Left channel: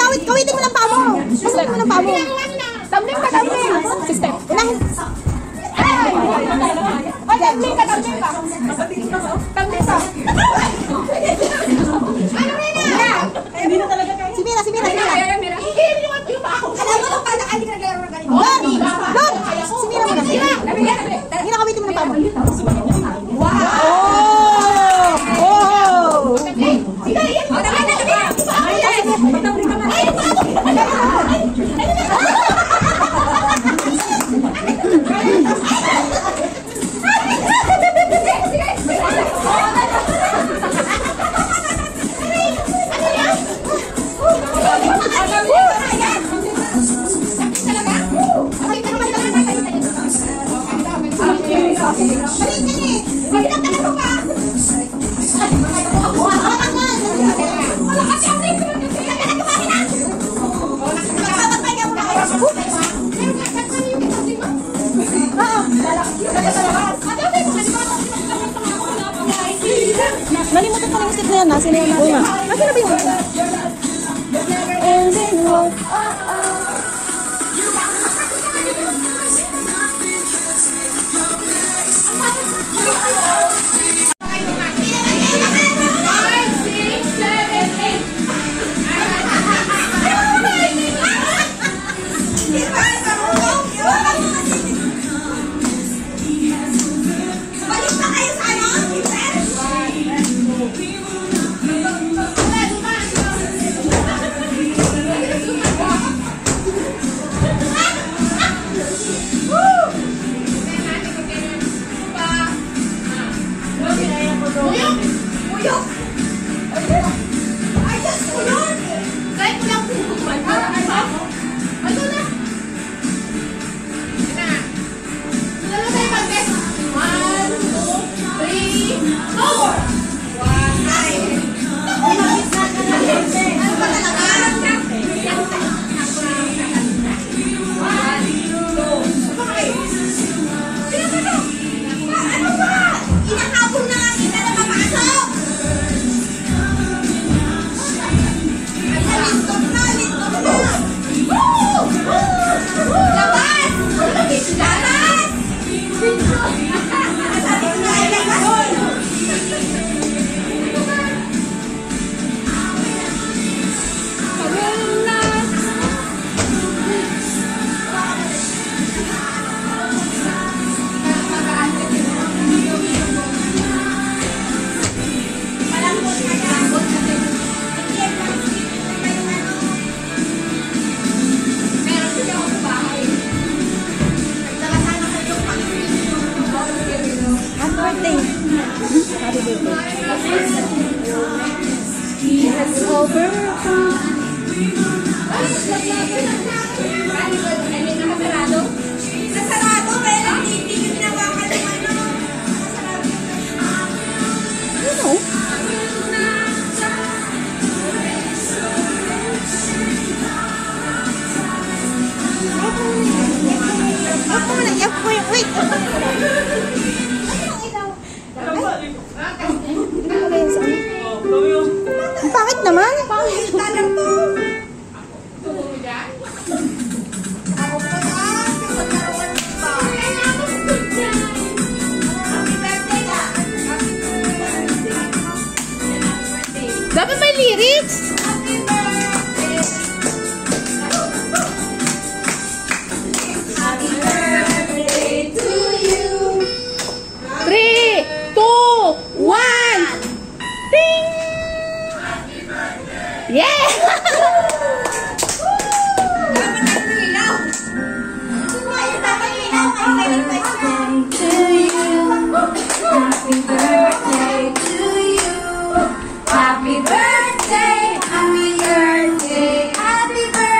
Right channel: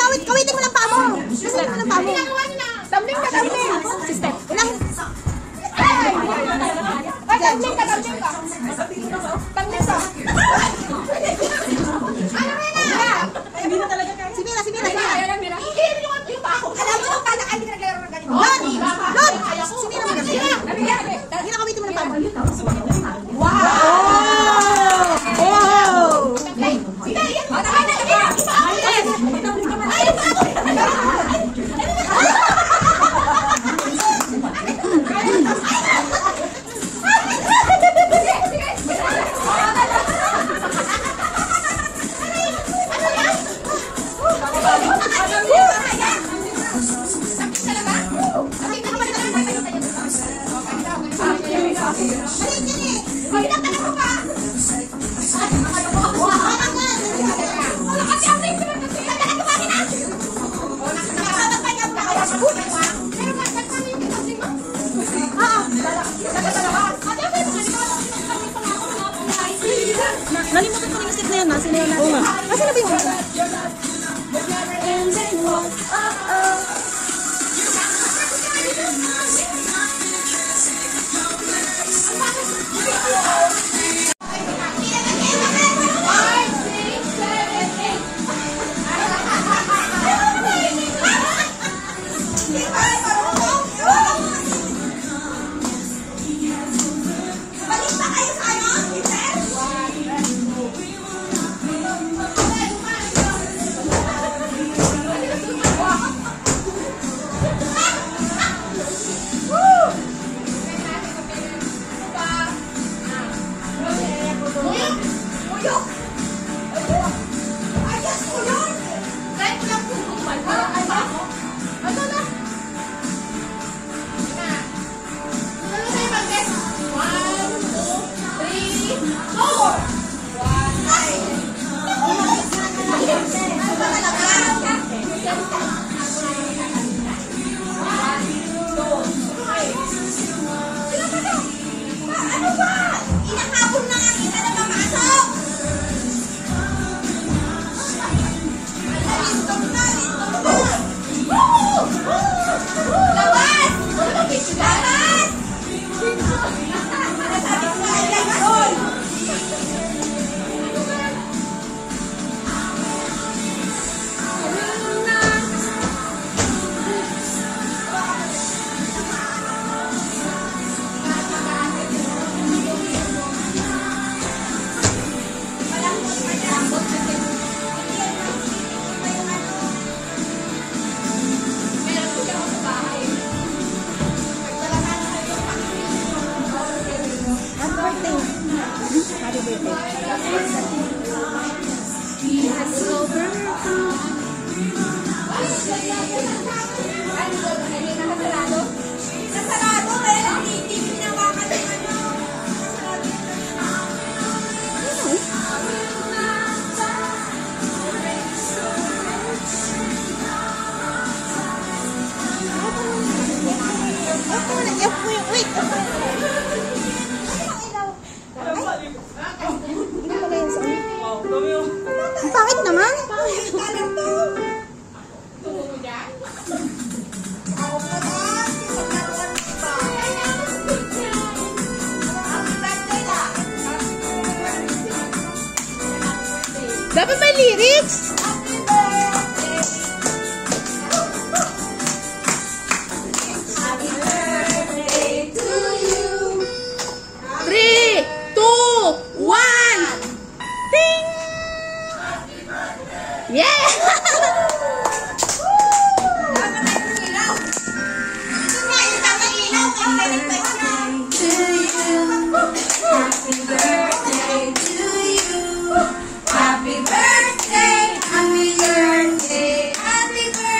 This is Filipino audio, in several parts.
Kawitin mo lang pa mo. Kawitin mo lang pa mo. Tumbling ka, tumbling. Sister. Tumbling ka, tumbling ka. Tumbling ka. Ano Mira? Hindi na talaga kayo. Si Mira, si Mira. Alam mo nung pala hindi ka naglaro ng ganito. Doon! Si Mira mo na. Mira, kawitin mo lang pa mo.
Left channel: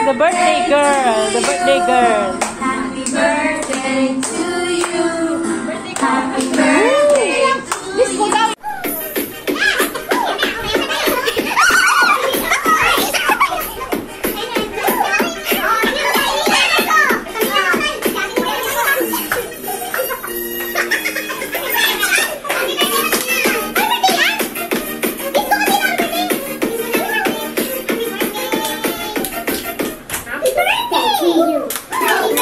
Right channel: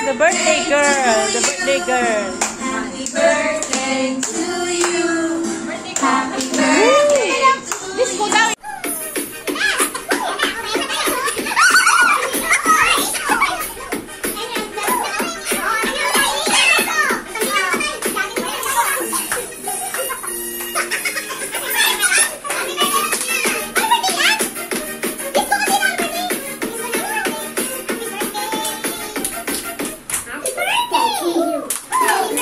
The birthday girl. The birthday girl. Happy birthday to you. Happy birthday. Let's go down. Happy birthday.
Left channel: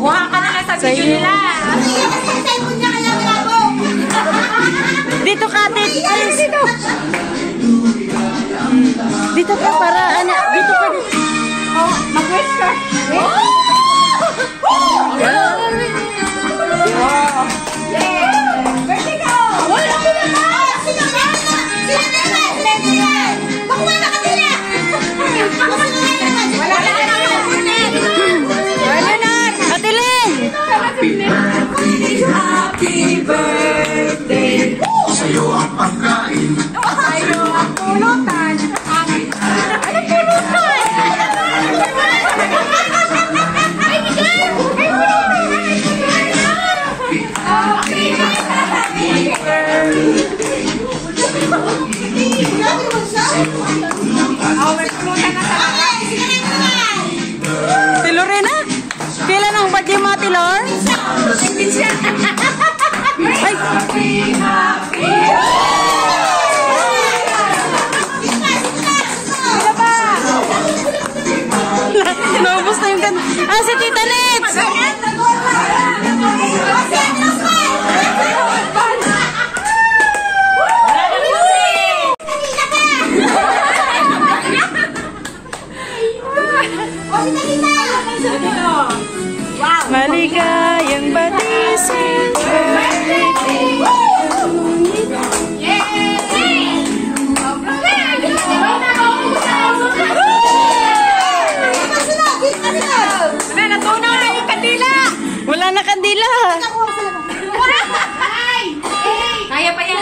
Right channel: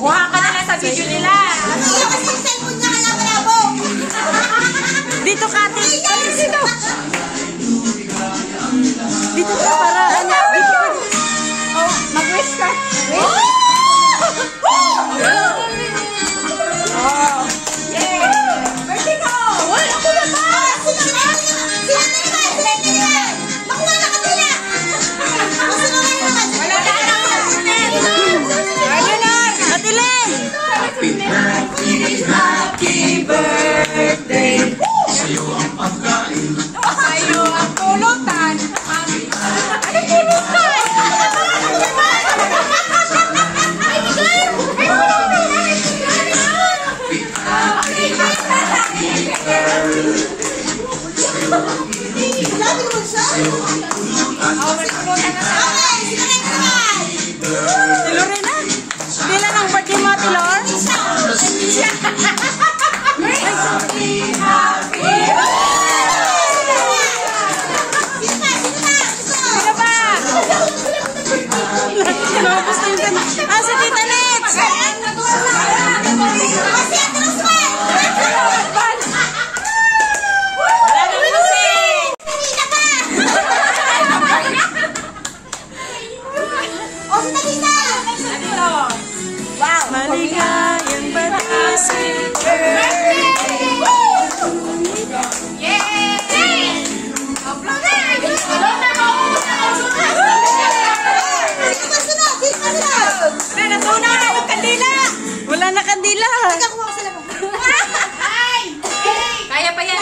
Kuha ka na lang sa video nila. Dito ka, dito. Dito. Dito ka para, ano, dito ka. Oh, mag-wish ka. Wish. Oh. Yeah. Birthday ko. Wala ko naman! Sila naman! Sila naman! Bakuha na ka nila! Wala na naman. Wala na. Ate Len! Happy birthday, happy birthday. Sa'yo ang pagkain. Sa'yo ang pulutan. Ano pulutan? Oh, may pulutan na sa Tilor rin na? Pila ng birthday mga Tilor? Sino ba? Naubos na yung ganda. Ah, si Tita Nets! Maligayang batisi. Wala na kandila. Kaya pa yan.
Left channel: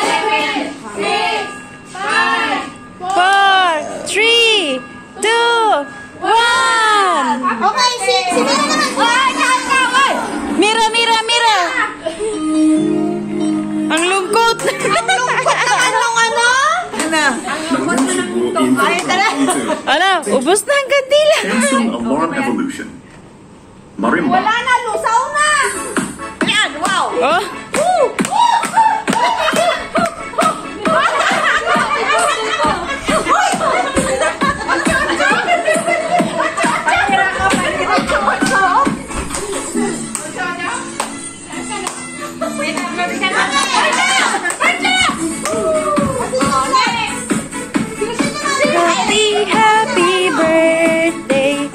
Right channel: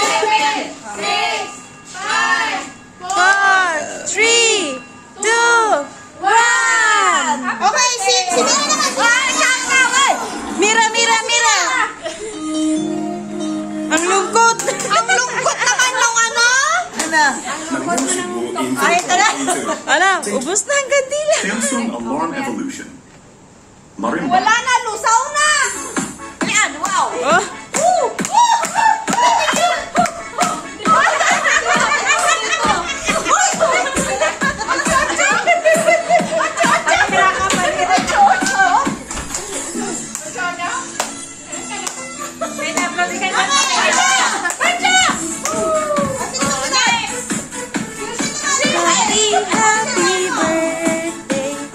4, 3, 2, 1. Okay, si Mira naman. Mira, Mira, Mira. Ang lungkot. Ang lungkot naman ng ano? Ay, Ano, ubos na ang kandila. Samsung Alarm Evolution. Marimba. Wala na, lusaw na! Yan, wow. Oh, happy, happy birthday.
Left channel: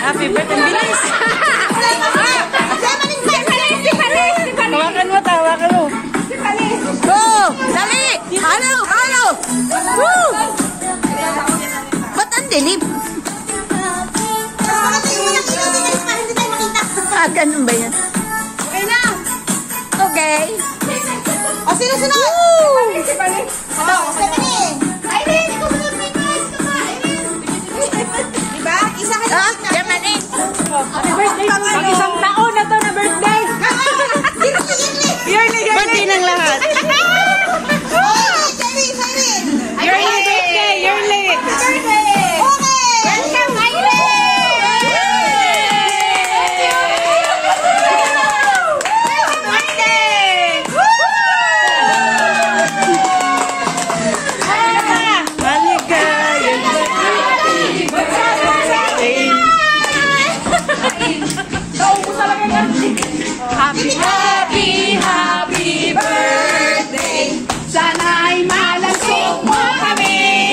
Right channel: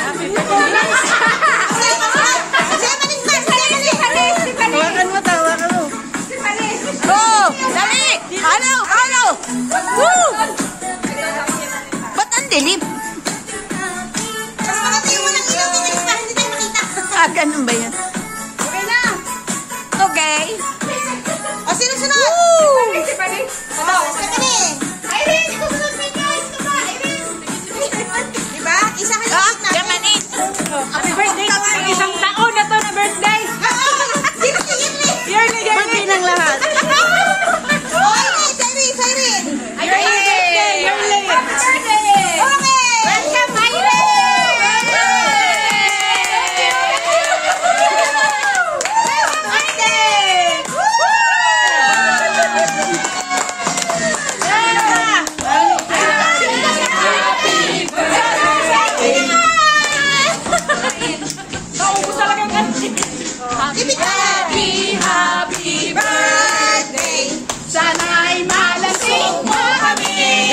Happy birthday. Hawakan mo, tawakan mo. Go! Dali! Ano? Ano? Woo! Ba't ang dilim? Hindi tayo makita. Ah, ganun ba yan? Okay na. Okay. O sino sunod? Si Palis. Irene! Irene! Ikaw sunod, may prize ka pa! Irene! Diba? Isa ka Ah, Germany. Happy birthday naman! Pag isang taon na to na birthday. Sino si Irene? Yearly, Birthday ng lahat. Oh, Irene! Irene! Yearly birthday, yearly. Okay! Welcome, Irene! Happy birthday. Sana'y malasok mo kami.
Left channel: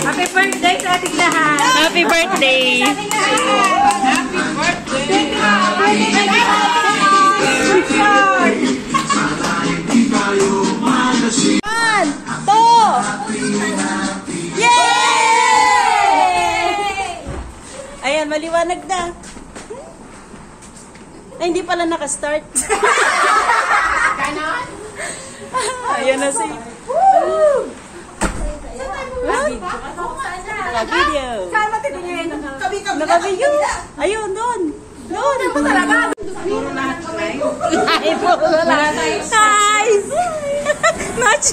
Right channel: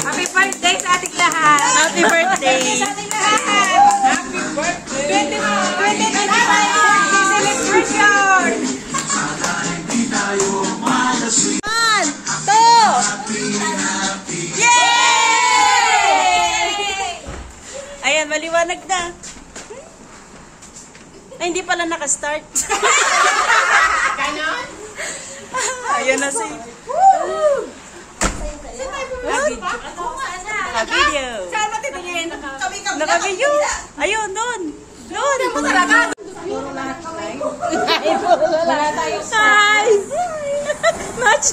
Happy birthday sa ating lahat. Happy birthday. Happy birthday. Celebration. 1, 2. Yay! Ayan, maliwanag na. Ay, hindi pala nakastart. Ayan na si... Naka-video. Saan matitingin? Kami-kami. Naka-video. Ayun, doon. Doon. Ito talaga. Hi! Match!